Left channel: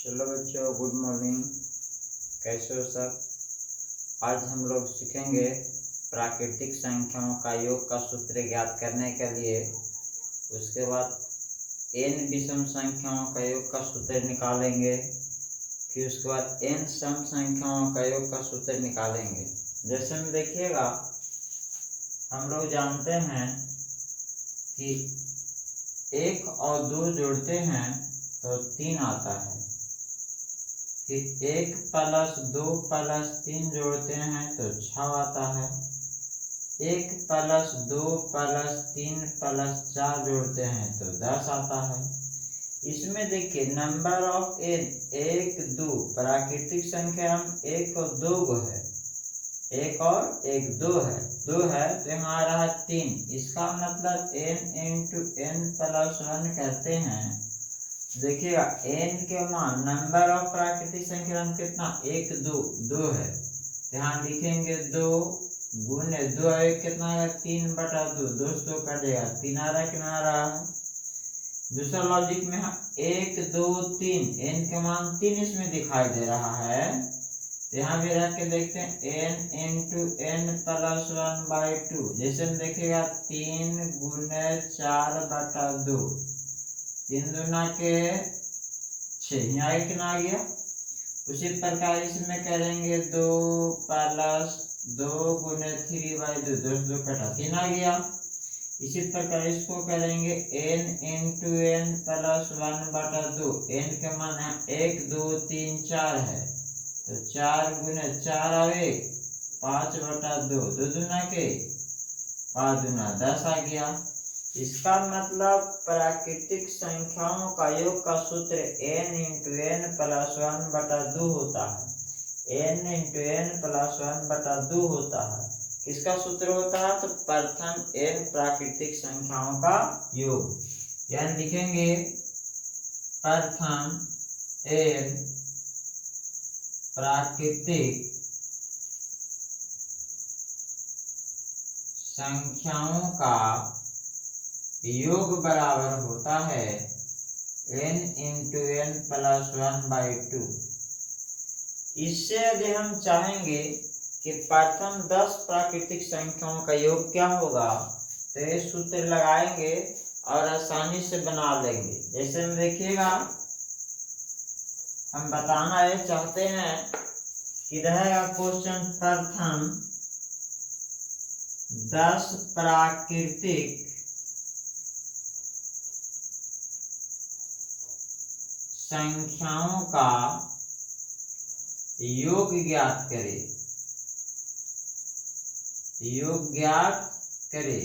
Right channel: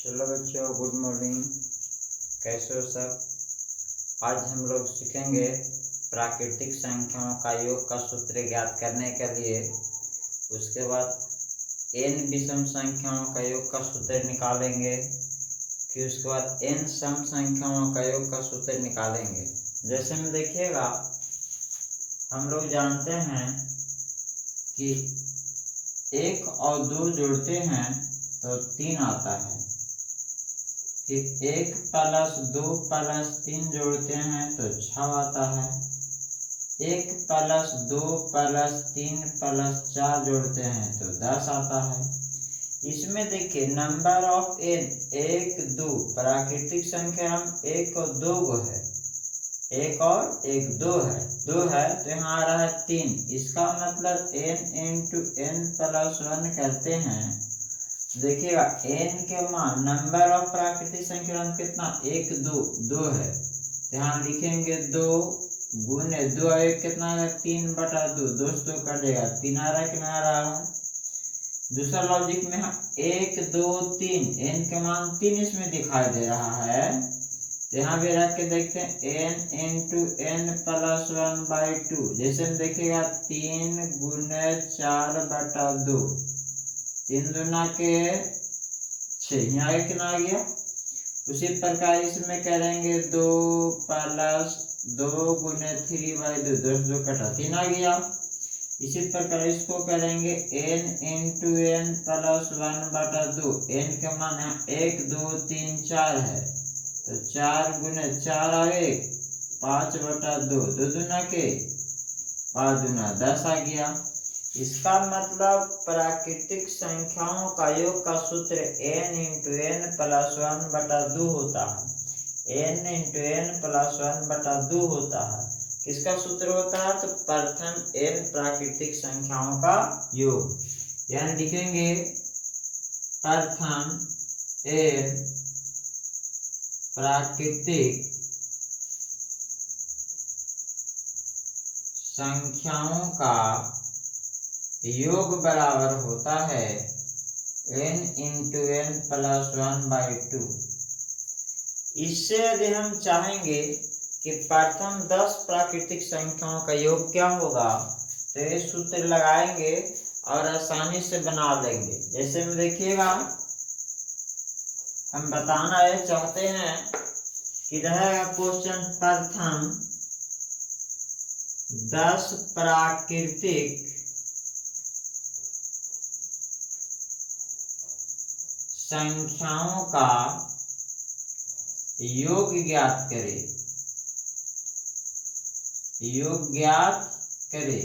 चलो बच्चों, good morning. कैसे हो सब? आज हम लोग सीखेंगे प्राकृतिक संख्याओं का योग का सूत्र ज्ञात करने के लिए। उसके बाद n विषम संख्याओं का योग का सूत्र निकालेंगे। फिर उसके बाद n सम संख्याओं का योग का सूत्र निकालेंगे। जैसे में देखिएगा, हम लोग जानते हैं कि 1 और 2 जोड़ते हैं तो 3 आता है। फिर 1 प्लस 2 प्लस 3 जोड़ते हैं तो 6 आता है। 1 प्लस 2 प्लस 3 प्लस 4 जोड़ते हैं तो 10 आता है। इसमें देखिए नंबर ऑफ n 1 2 प्राकृतिक संख्या हम 1 और 2 को है, 1 और 1 2 है, 2 है तो यहाँ आ रहा है 3। इसका मतलब n इंटू n प्लस 1 करते हैं। देखिएगा n के मान नंबर ऑफ प्राकृतिक संख्या हम कितना 1 2 2 है, यहाँ लिखेंगे 2 गुने 2 1 कितना है 3/2, 2 से 2 कटेगा 3 आ रहा है कि नहीं आ रहा है। दूसरा लॉजिक में हम 1 2 3 n के मान 3 इसमें दिखाई दे रहा है, तो यहाँ भी रख के देखते हैं n इंटू n प्लस 1/2। जैसे हम देखिएगा 3 गुने 4/2, 3 दूना के 6, यहाँ कितना आ गया। उसी प्रकार इसमें करेंगे 2 प्लस 2 गुने 3/2, 2 से 2 कटा 3 आ गया। इसी प्रकार इसको करेंगे n into n plus 1/2। n के मान है 1 2 3 4 है, तो 4 गुने 4 और 1 5/2, 2 दूना के 5 दूना 10 आ गया। इसका मतलब प्राकृतिक संख्याओं का योग का सूत्र n इंटू n प्लस 1/2 होता है। n इंटू n प्लस 1/2 होता है। किसका सूत्र होता है? तो प्रथम n प्राकृतिक संख्याओं का योग। यानी लिखेंगे प्रथम n प्राकृतिक संख्याओं का योग बराबर होता है n इंटू n प्लस 1/2। इससे यदि हम चाहेंगे कि प्रथम 10 प्राकृतिक संख्याओं का योग क्या होगा, तो ये सूत्र लगाएंगे और आसानी से बना लेंगे। जैसे में देखिएगा, हम बताना ये चाहते हैं कि रहेगा क्वेश्चन प्रथम 10 प्राकृतिक संख्याओं का योग ज्ञात करें, योग ज्ञात करें।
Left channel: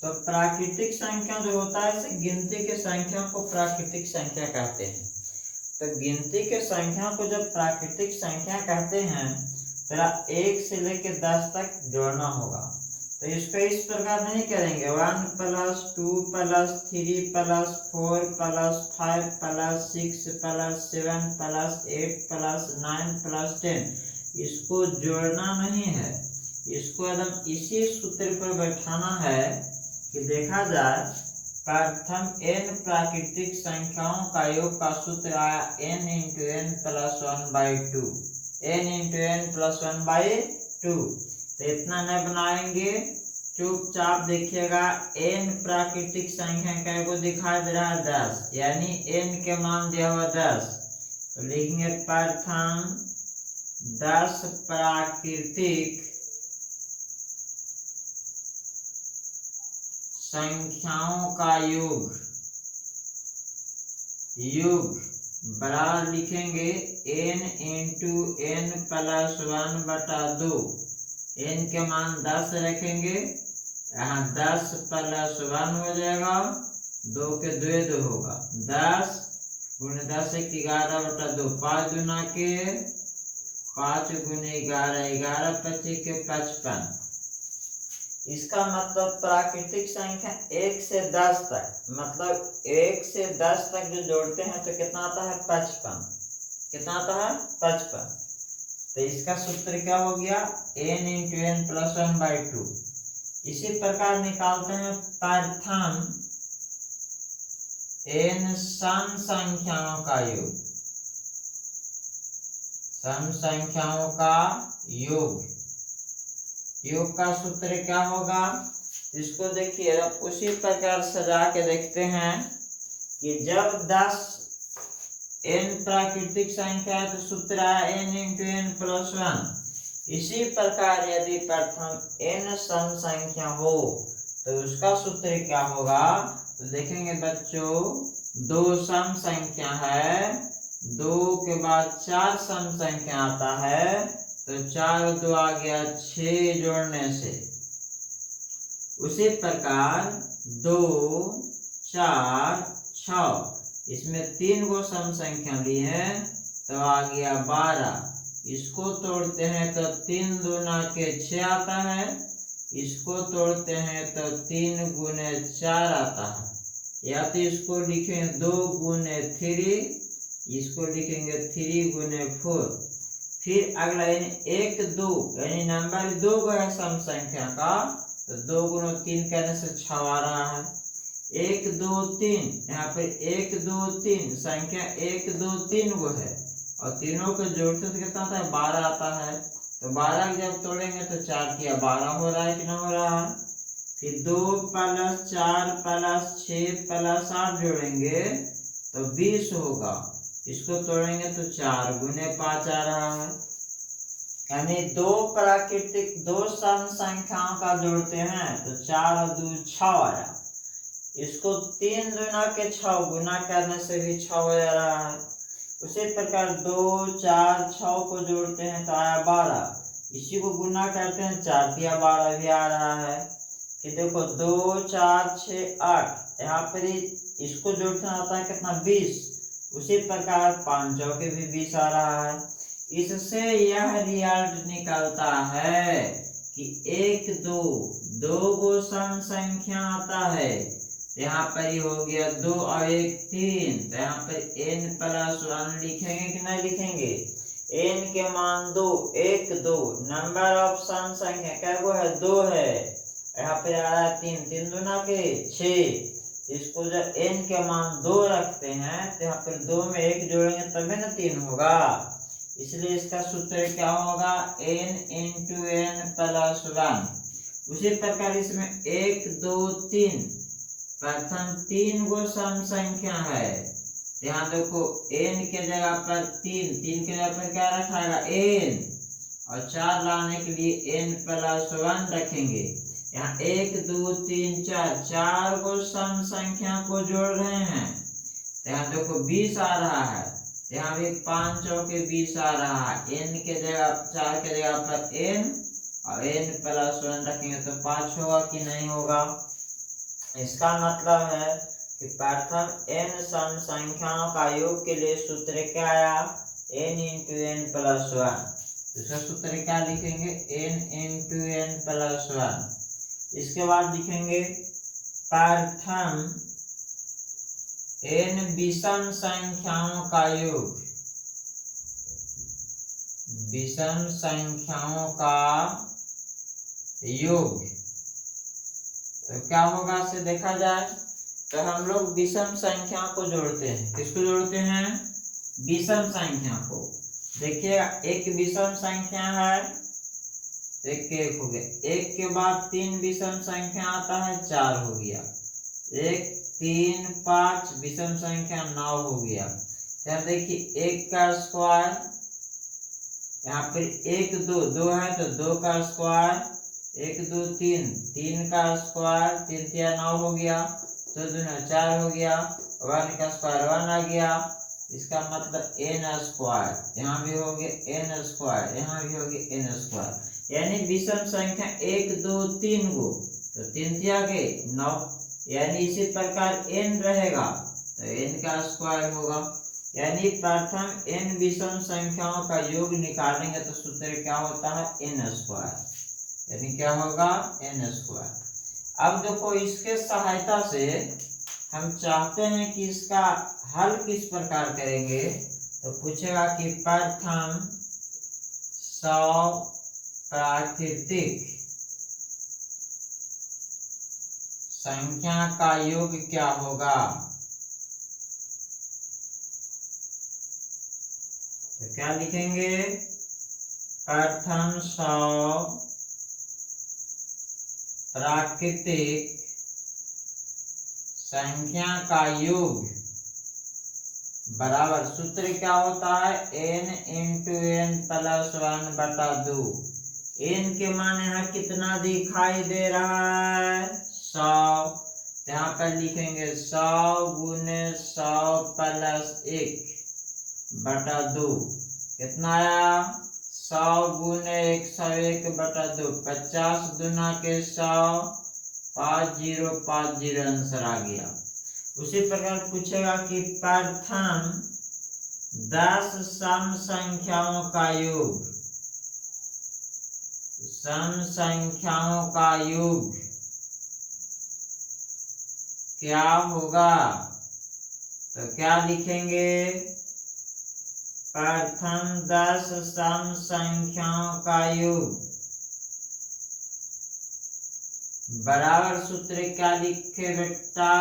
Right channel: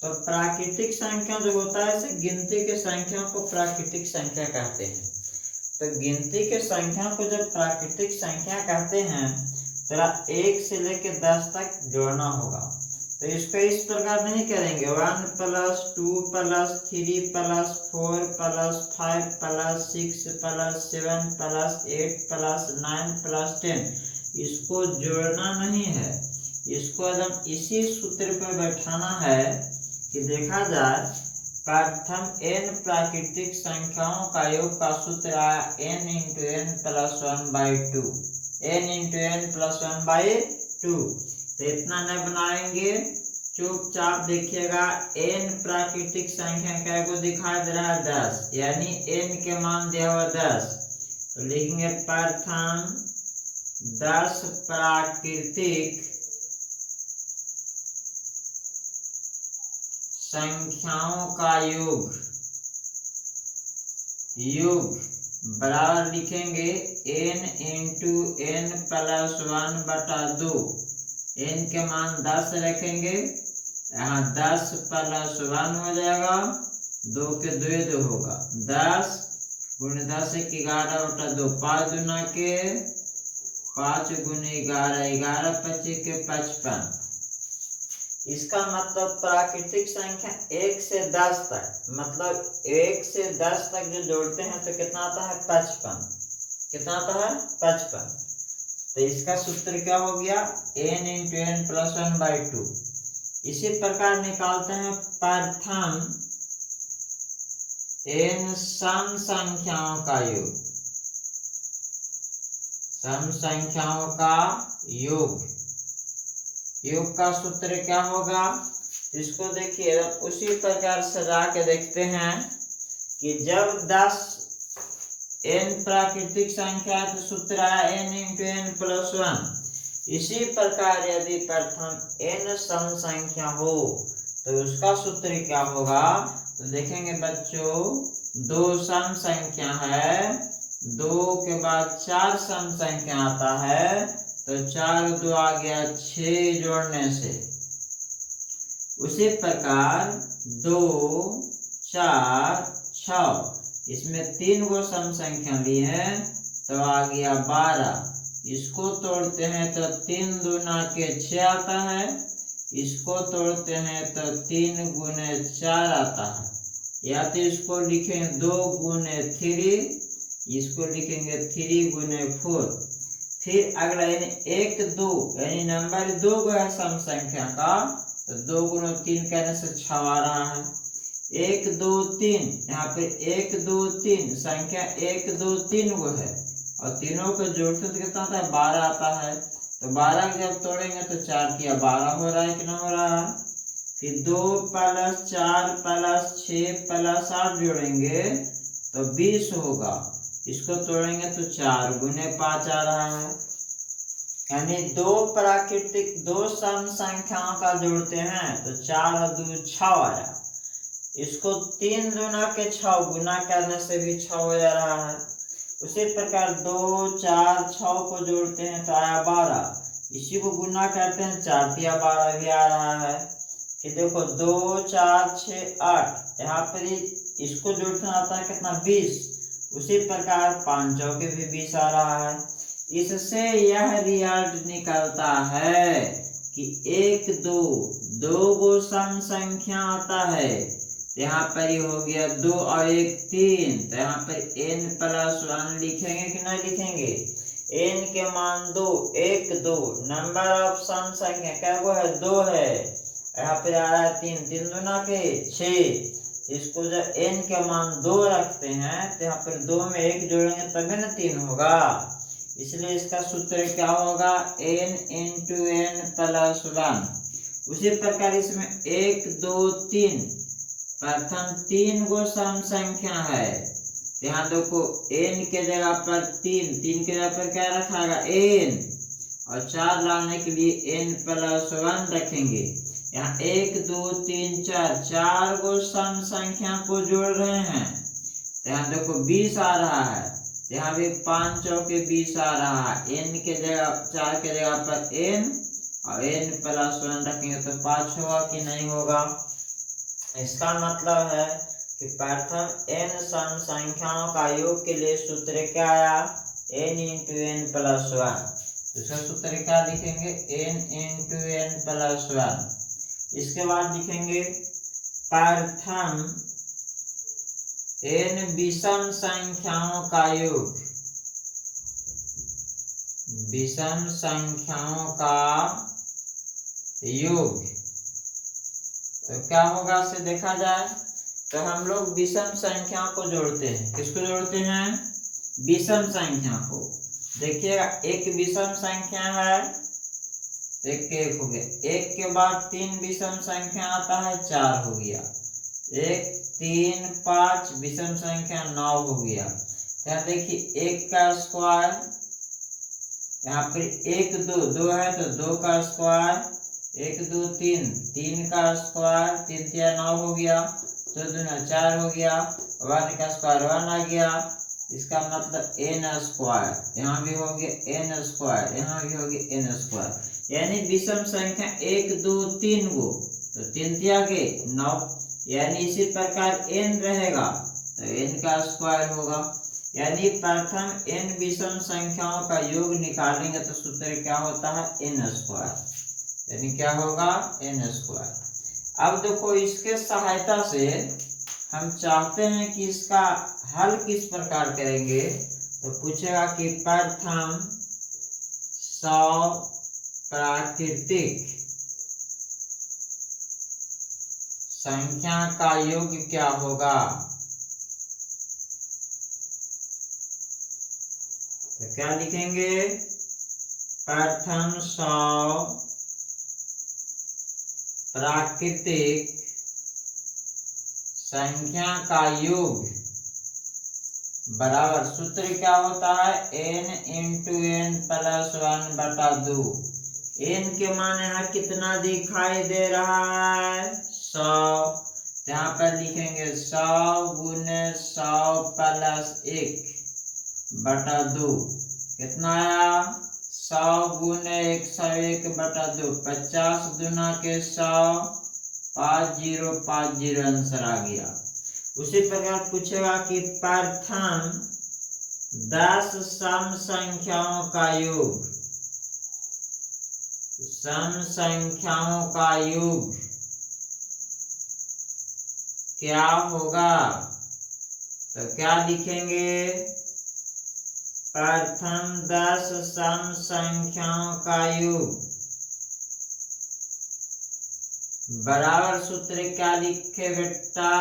तो प्राकृतिक संख्या जो होता है इसे गिनती के संख्या को प्राकृतिक संख्या कहते हैं। तो गिनती के संख्या को जब प्राकृतिक संख्या कहते हैं तो 1 से लेकर 10 तक जोड़ना होगा। तो इसको इस प्रकार नहीं करेंगे 1 plus 2 plus 3 plus 4 plus 5 plus 6 plus 7 plus 8 plus 9 plus 10। इसको जोड़ना नहीं है, इसको एकदम इसी सूत्र पर बैठाना है कि देखा जाए प्रथम n प्राकृतिक संख्याओं का योग का सूत्र आया n into n plus 1/2, n into n plus 1/2। तो इतना नहीं बनाएंगे, चुपचाप देखिएगा n प्राकृतिक संख्या को दिखाई दे रहा है 10, यानी n के मान दिया हुआ 10। तो लिखेंगे प्रथम 10 प्राकृतिक संख्याओं का योग, योग बराबर लिखेंगे n into n plus 1/2। n के मान 10 रखेंगे, यहाँ 10 प्लस 1 हो जाएगा, 2 के 2 होगा, 10 गुणे 10 11/2, 5 दूना के 5 गुने 11, 11 25 के 55। इसका मतलब प्राकृतिक संख्या 1 से 10 तक, मतलब 1 से 10 तक जो जोड़ते हैं तो कितना आता है 55। कितना आता है 55। तो इसका सूत्र क्या हो गया n इंटू n प्लस 1/2। इसी प्रकार निकालते हैं प्रथम n सम संख्याओं का योग। सम संख्याओं का योग। योग का सूत्र क्या होगा, इसको देखिए उसी प्रकार सजा के देखते हैं कि जब 10 n प्राकृतिक संख्या है तो सूत्र है n इंटू n प्लस 1। इसी प्रकार यदि प्रथम n सम संख्या हो तो उसका सूत्र क्या होगा, तो देखेंगे बच्चों, 2 सम संख्या है, 2 के बाद 4 सम संख्या आता है, तो 4 2 आ गया 6 जोड़ने से। उसी प्रकार 2 4 6, इसमें 3 गो सम संख्या ली है तो आ गया 12। इसको तोड़ते हैं तो 3 दूना के 6 आता है, इसको तोड़ते हैं तो 3 गुने 4 आता है, या तो इसको लिखेंगे 2 गुने 3, इसको लिखेंगे 3 गुने 4। फिर अगला यानी 1 2, यानी नंबर 2 गो है सम संख्या का, तो 2 गुना 3 करने से 6 आ रहा है। 1 2 3, यहाँ पे 1 2 3 संख्या 1 2 3 गो है, और तीनों को जोड़ते तो कितना आता है, 12 आता है। तो 12 जब तोड़ेंगे तो 4 किया 12 हो रहा है कि ना हो रहा है। फिर 2 प्लस 4 प्लस 6 प्लस 8 जोड़ेंगे तो 20 होगा, इसको तोड़ेंगे तो 4 गुने 5 आ रहा है। यानी 2 सम संख्याओं का जोड़ते हैं तो 4 और 2 6 आया, इसको 3 दूना के 6 गुना करने से भी 6 हो जा रहा है। उसी प्रकार 2 4 6 को जोड़ते हैं तो आया 12, इसी को गुना करते हैं 4 या 12 भी आ रहा है। फिर देखो 2 4 6 8, यहाँ पर इसको जोड़ना आता है कितना, 20। उसी प्रकार 5 चौके भी 20 आ रहा है। इससे यह रिजल्ट निकलता है कि 1 2 2 गो सम संख्या आता है, यहाँ पर ही हो गया 2 और 1 3, तो यहाँ पर n प्लस 1 लिखेंगे कि नहीं लिखेंगे। n के मान 2 1 2, नंबर ऑफ सम संख्या क्या वो है, 2 है, यहाँ पे आ रहा है 3, 3 दूना के 6। इसको जब n के मान 2 रखते हैं तो यहाँ पर 2 में 1 जोड़ेंगे तभी ना 3 होगा, इसलिए इसका सूत्र क्या होगा, n इंटू n प्लस 1। उसी प्रकार इसमें 1 2 3, प्रथम 3 गो सम संख्या है, यहाँ देखो n के जगह पर 3 के जगह पर क्या रखागा, n, और 4 लाने के लिए n प्लस 1 रखेंगे। यहाँ 1 2 3 4, 4 गो सम संख्या को जोड़ रहे हैं, यहाँ देखो 20 आ रहा है, यहाँ भी 5 चौके 20 आ रहा है। n के जगह 4 के जगह पर n और n प्लस 1 रखेंगे तो 5 होगा कि नहीं होगा। इसका मतलब है कि प्रथम n सम संख्याओं का योग के लिए सूत्र क्या आया, n इंटू n प्लस 1। दूसरा सूत्र क्या लिखेंगे, n इंटू n प्लस 1। इसके बाद लिखेंगे प्रथम n विषम संख्याओं का योग, विषम संख्याओं का योग। तो क्या होगा से देखा जाए तो हम लोग विषम संख्या को जोड़ते हैं, किसको जोड़ते हैं, विषम संख्या को। देखिएगा एक विषम संख्या है, एक हो गया, 1 के बाद 3 विषम संख्या आता है, 4 हो गया, 1 3 5 विषम संख्या 9 हो गया। यहाँ देखिए 1 का स्क्वायर, यहाँ पर 1 2 2 है तो 2 का स्क्वायर, 1 2 3 3 का स्क्वायर, 3 3 9 हो गया, तो 2 4 हो गया, 1 का स्क्वायर 1 आ गया, इसका मतलब n स्क्वायर, यहाँ भी हो गया n स्क्वायर, यहाँ भी हो गया n स्क्वायर। यानी विषम संख्या 1 2 3 गो, तो 3 3 के 9, यानी इसी प्रकार n रहेगा तो n का स्क्वायर होगा। यानी प्रथम n विषम संख्याओं का योग निकालेंगे तो सूत्र क्या होता है, n स्क्वायर, यानी क्या होगा, n स्क्वायर। अब देखो इसके सहायता से हम चाहते हैं कि इसका हल किस प्रकार करेंगे, तो पूछेगा कि प्रथम 100 प्राकृतिक संख्या का योग क्या होगा। तो क्या लिखेंगे, प्रथम 100 प्राकृतिक संख्या का योग बराबर, सूत्र क्या होता है, n into n plus 1/2। n के मान यहाँ कितना दिखाई दे रहा है, 100। यहाँ पर लिखेंगे 100 गुने 100 प्लस 1/2 कितना आया, 100 गुने 101/2, 50 दूना के 100, 5050 आंसर आ गया। उसी प्रकार पूछेगा कि प्रथम 10 सम संख्याओं का योग, सम संख्याओं का योग क्या होगा, तो क्या लिखेंगे, प्रथम 10 सम संख्याओं का योग बराबर, सूत्र क्या लिखे बेटा,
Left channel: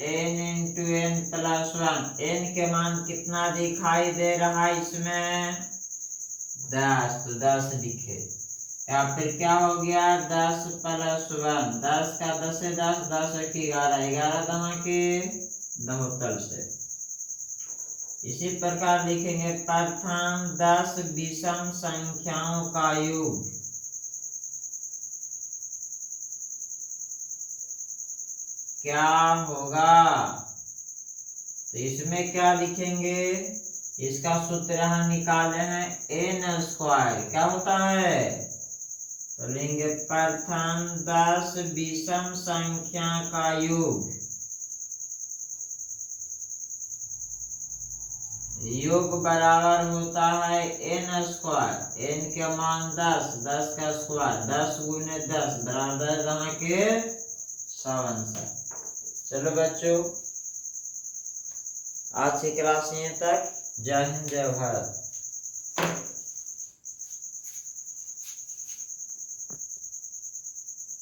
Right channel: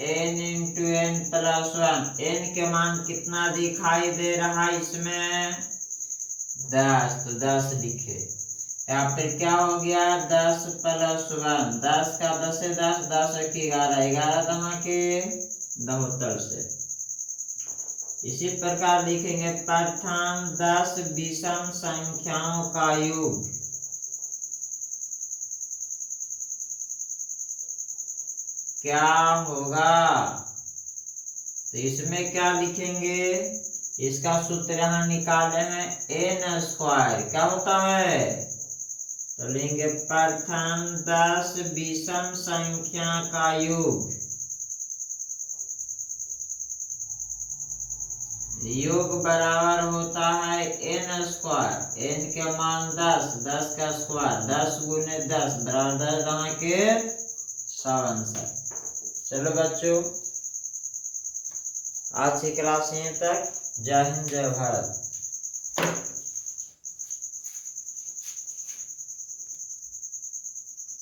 n into n plus 1। n के मान कितना दिखाई दे रहा है इसमें, 10, तो 10 लिखे। या फिर क्या हो गया, 10 प्लस 1, 10 का 10 से 10, 10 एक 11, 11 दमा के 72 से। इसी प्रकार लिखेंगे प्रथम 10 विषम संख्याओं का योग क्या होगा, तो इसमें क्या लिखेंगे, इसका सूत्र यहाँ निकाले हैं, n²। क्या होता है, तो लेंगे प्रथम 10 विषम संख्या का योग, योग बराबर होता है n²। n के मान 10, 10 का स्क्वायर, 10 गुने 10 बराबर 10 के 100 आंसर। चलो बच्चों, आज की क्लास यहीं तक। जय हिंद, जय भारत।